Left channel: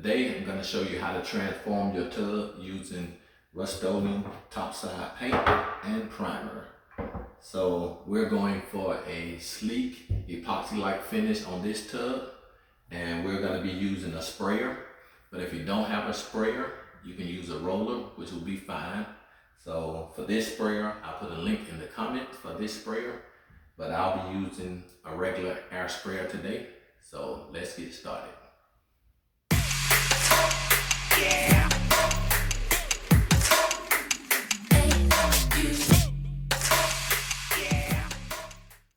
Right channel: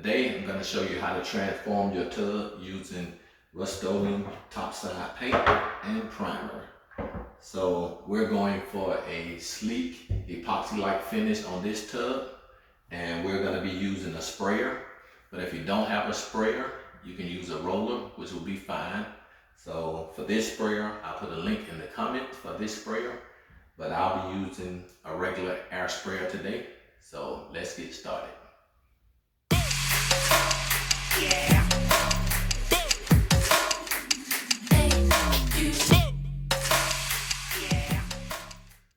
Today I'm going to show you how to transform your tub using Rust-Oleum Topside paint and primer. So we're going for a sleek epoxy-like finish on this tub, and we're going to be using a sprayer. But if you don't have a sprayer, you can use a roller, which will be fine. So for this sprayer, I'll put a link in the comments for this sprayer, but I'll be using a regular air sprayer today. So let's get started. Yeah.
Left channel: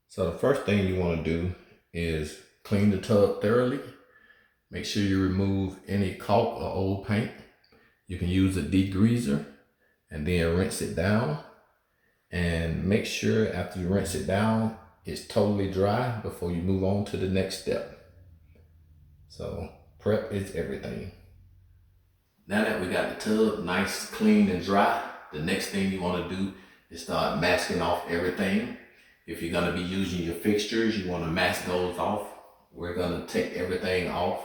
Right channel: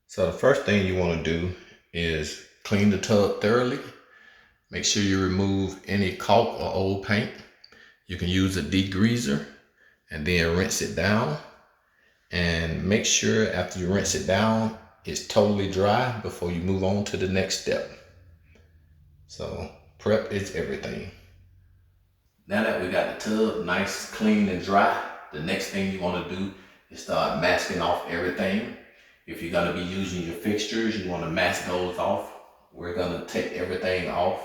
So the first thing you want to do is clean the tub thoroughly. Make sure you remove any caulk or old paint. You can use a degreaser and then rinse it down. And make sure after you rinse it down, it's totally dry before you move on to the next step. So prep is everything. Now that we got the tub nice, clean, and dry, the next thing you want to do is start masking off everything. If you're going to be using your fixtures, you want to mask those off. We're going to take everything off.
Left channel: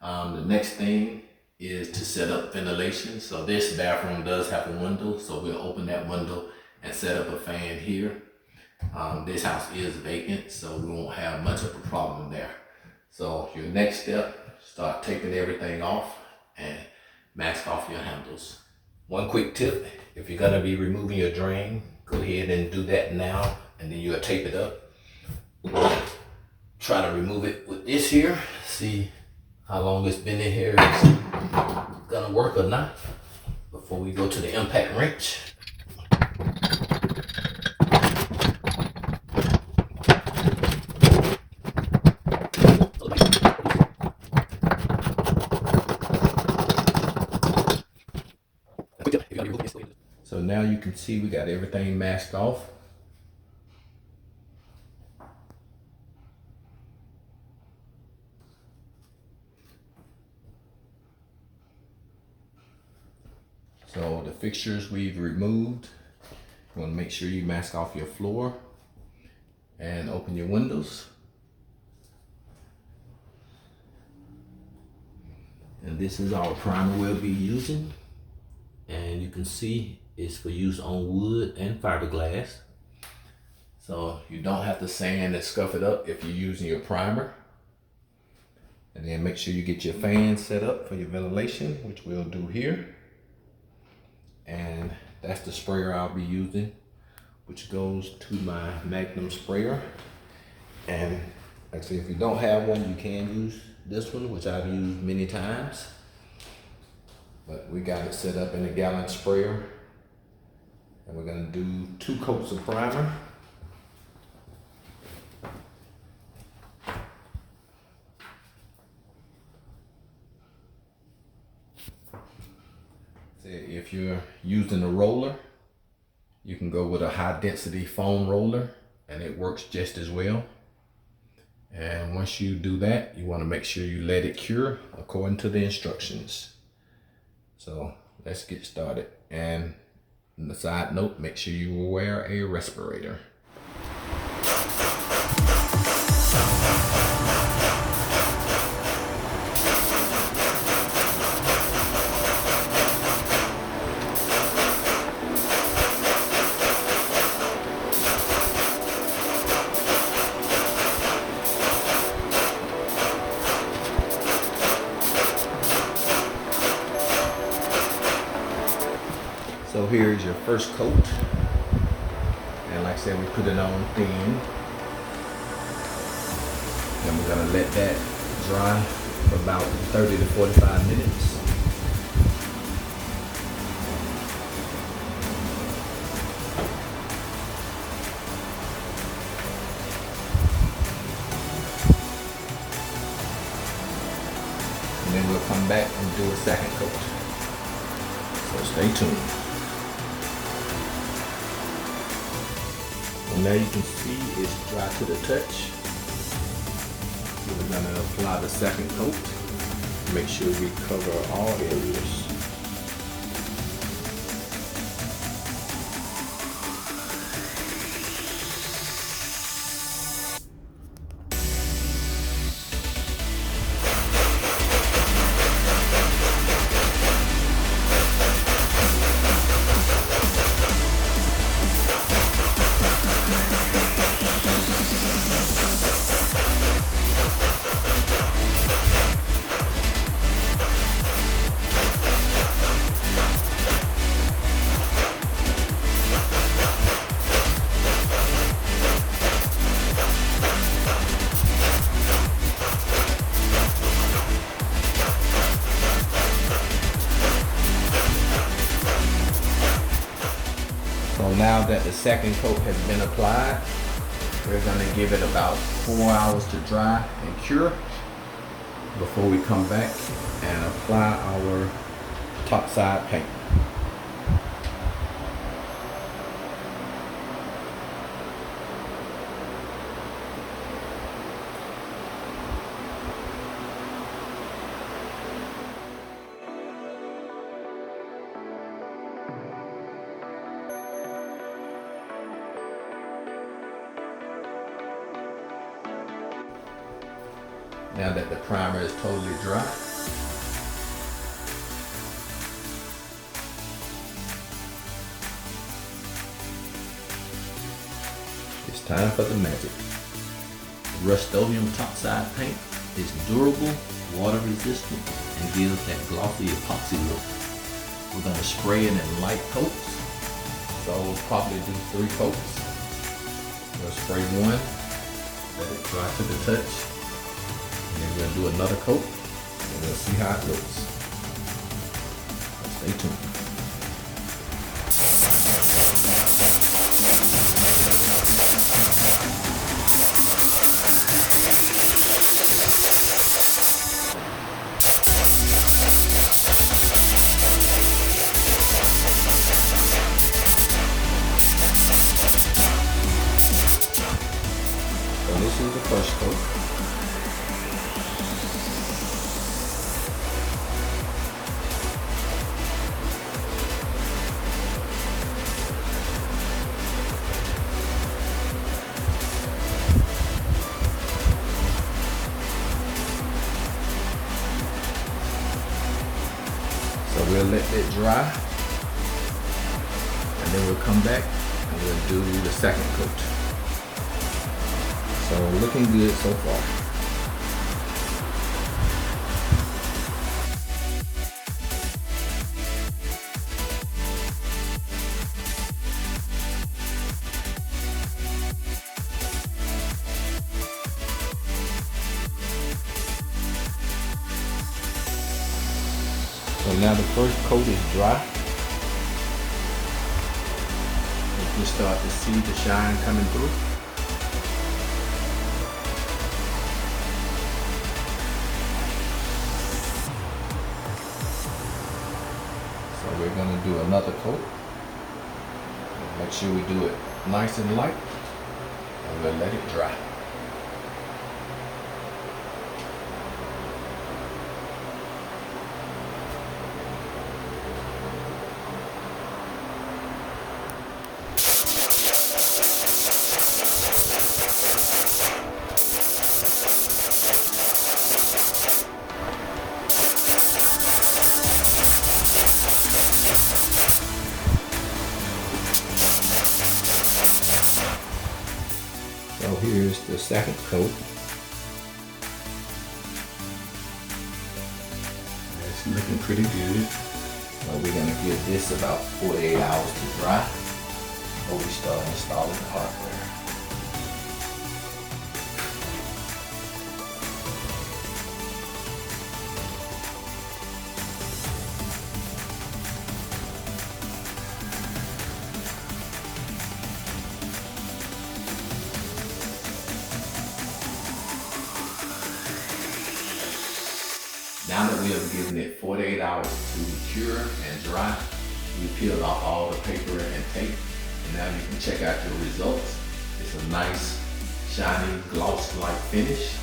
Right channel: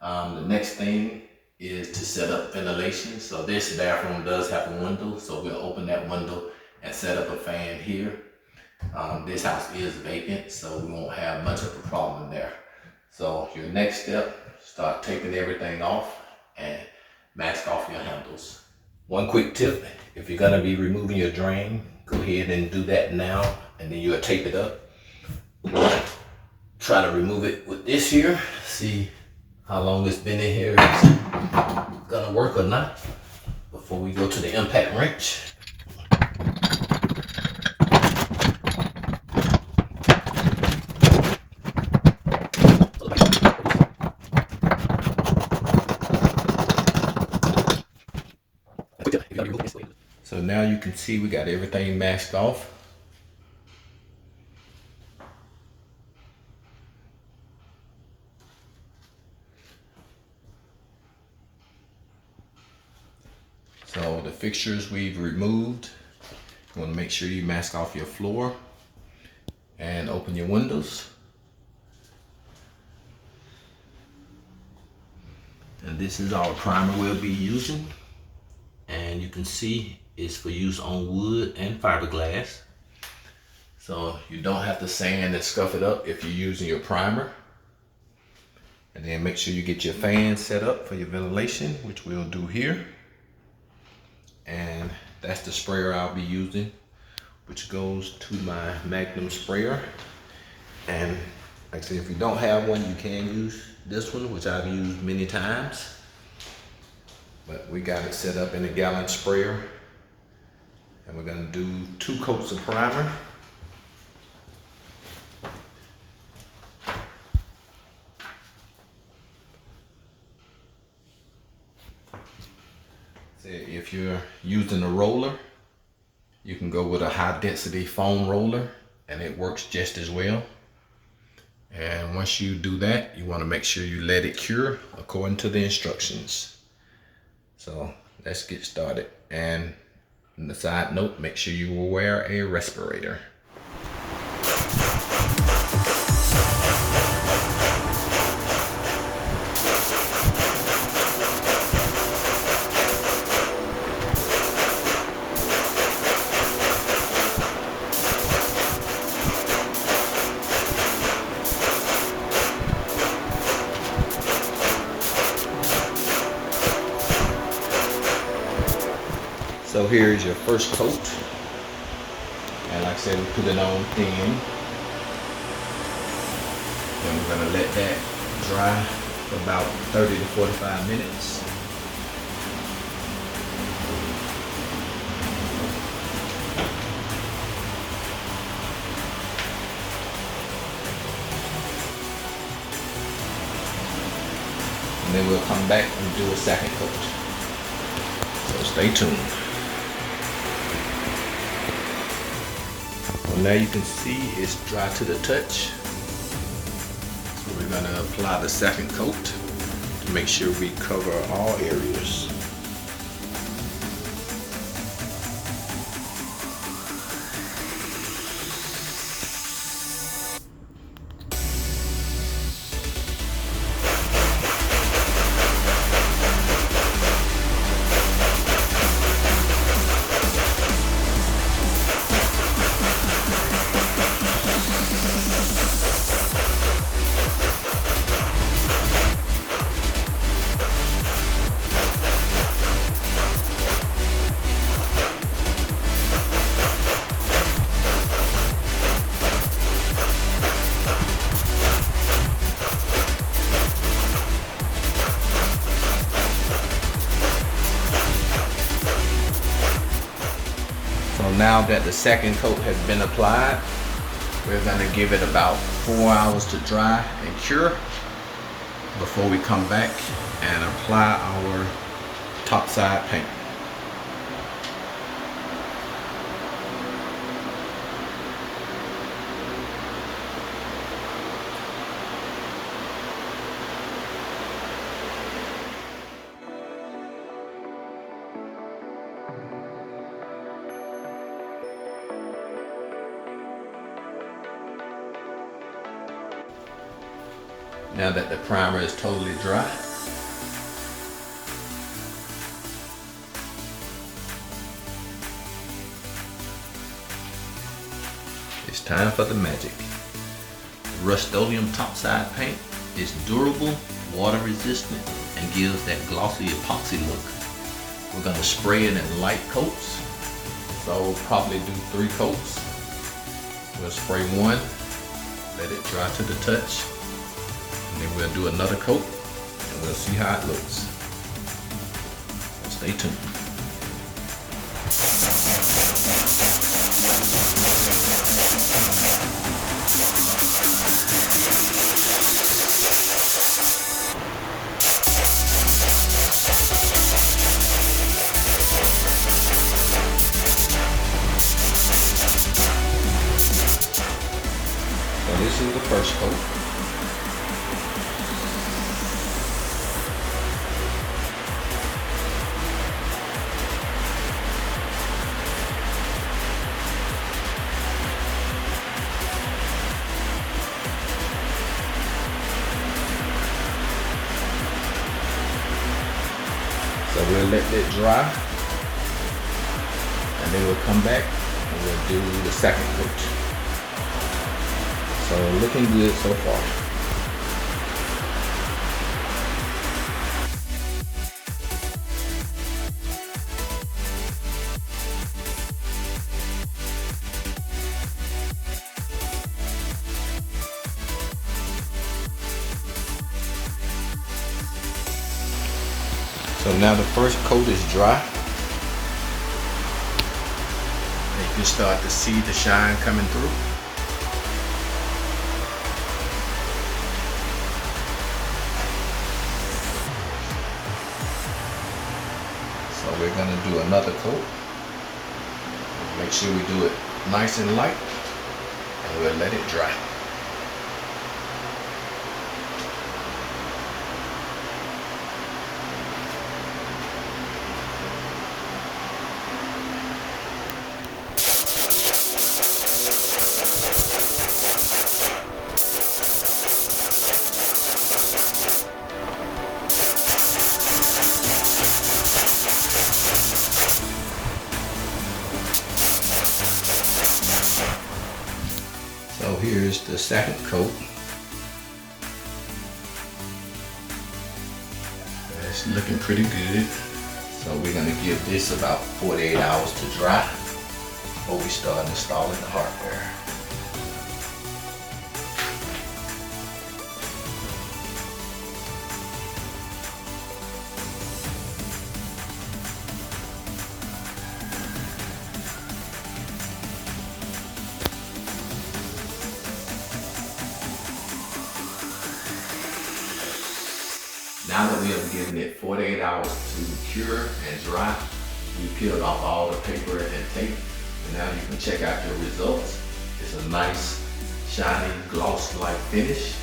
The next thing is to set up ventilation. So this bathroom does have a window, so we'll open that window and set up a fan here. This house is vacant, so we won't have much of a problem there. So your next step, start taking everything off and mask off your handles. One quick tip, if you're gonna be removing your drain, go ahead and do that now, and then you'll tape it up. Try to remove it with this here, see how long it's been in here, it's gonna work or not, before we go to the impact wrench. So now you can see we got everything masked off. So the fixtures we've removed. You want to make sure you mask off your floor and open your windows. And this is our primer we'll be using. And you can see it's for use on wood and fiberglass. So you don't have to sand and scuff it up if you're using your primer. And then make sure you get your fan set up for your ventilation, which we'll do here. And that's the sprayer I'll be using, which goes to my Magnum sprayer. And like I said, if you don't have one, you can use this one, which I've used many times. But we got it set up in a gallon sprayer. And we're gonna do 2 coats of primer. If you're using a roller, you can go with a high density foam roller and it works just as well. And once you do that, you want to make sure you let it cure according to the instructions. So let's get started. And on the side note, make sure you will wear a respirator. So here's your first coat, and like I said, we put it on thin. Then we're gonna let that dry for about 30 to 45 minutes. And then we'll come back and do a second coat. So stay tuned. Now you can see it's dry to the touch. So we're gonna apply the second coat to make sure we cover all areas. now that the second coat has been applied, we're gonna give it about 4 hours to dry and cure before we come back and apply our topside paint. Now that the primer is totally dry, it's time for the magic. Rust-Oleum Topside paint is durable, water resistant, and gives that glossy epoxy look. We're gonna spray it in light coats, so we'll probably do 3 coats. We'll spray one, let it dry to the touch, and then we'll do another coat and we'll see how it looks. So stay tuned. So this is the first coat. So we'll let it dry, and then we'll come back and we'll do the second coat. So looking good so far. So now the first coat is dry. And you can start to see the shine coming through. So we're gonna do another coat. Make sure we do it nice and light, and we'll let it dry. So here's the second coat. It's looking pretty good. So we're gonna give this about 48 hours to dry before we start installing the hardware. Now that we have given it 48 hours to cure and dry, we peeled off all the paper and tape, and now you can check out your results. It's a nice, shiny, gloss-like finish.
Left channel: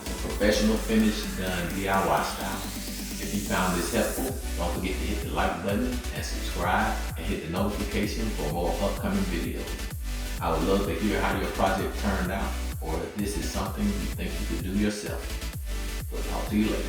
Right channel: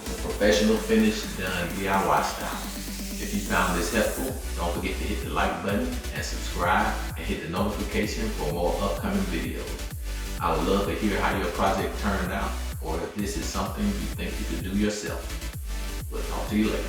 It's a professional finish done DIY style. If you found this helpful, don't forget to hit the like button and subscribe and hit the notification for more upcoming videos. I would love to hear how your project turned out, or if this is something you think you could do yourself. We'll talk to you later.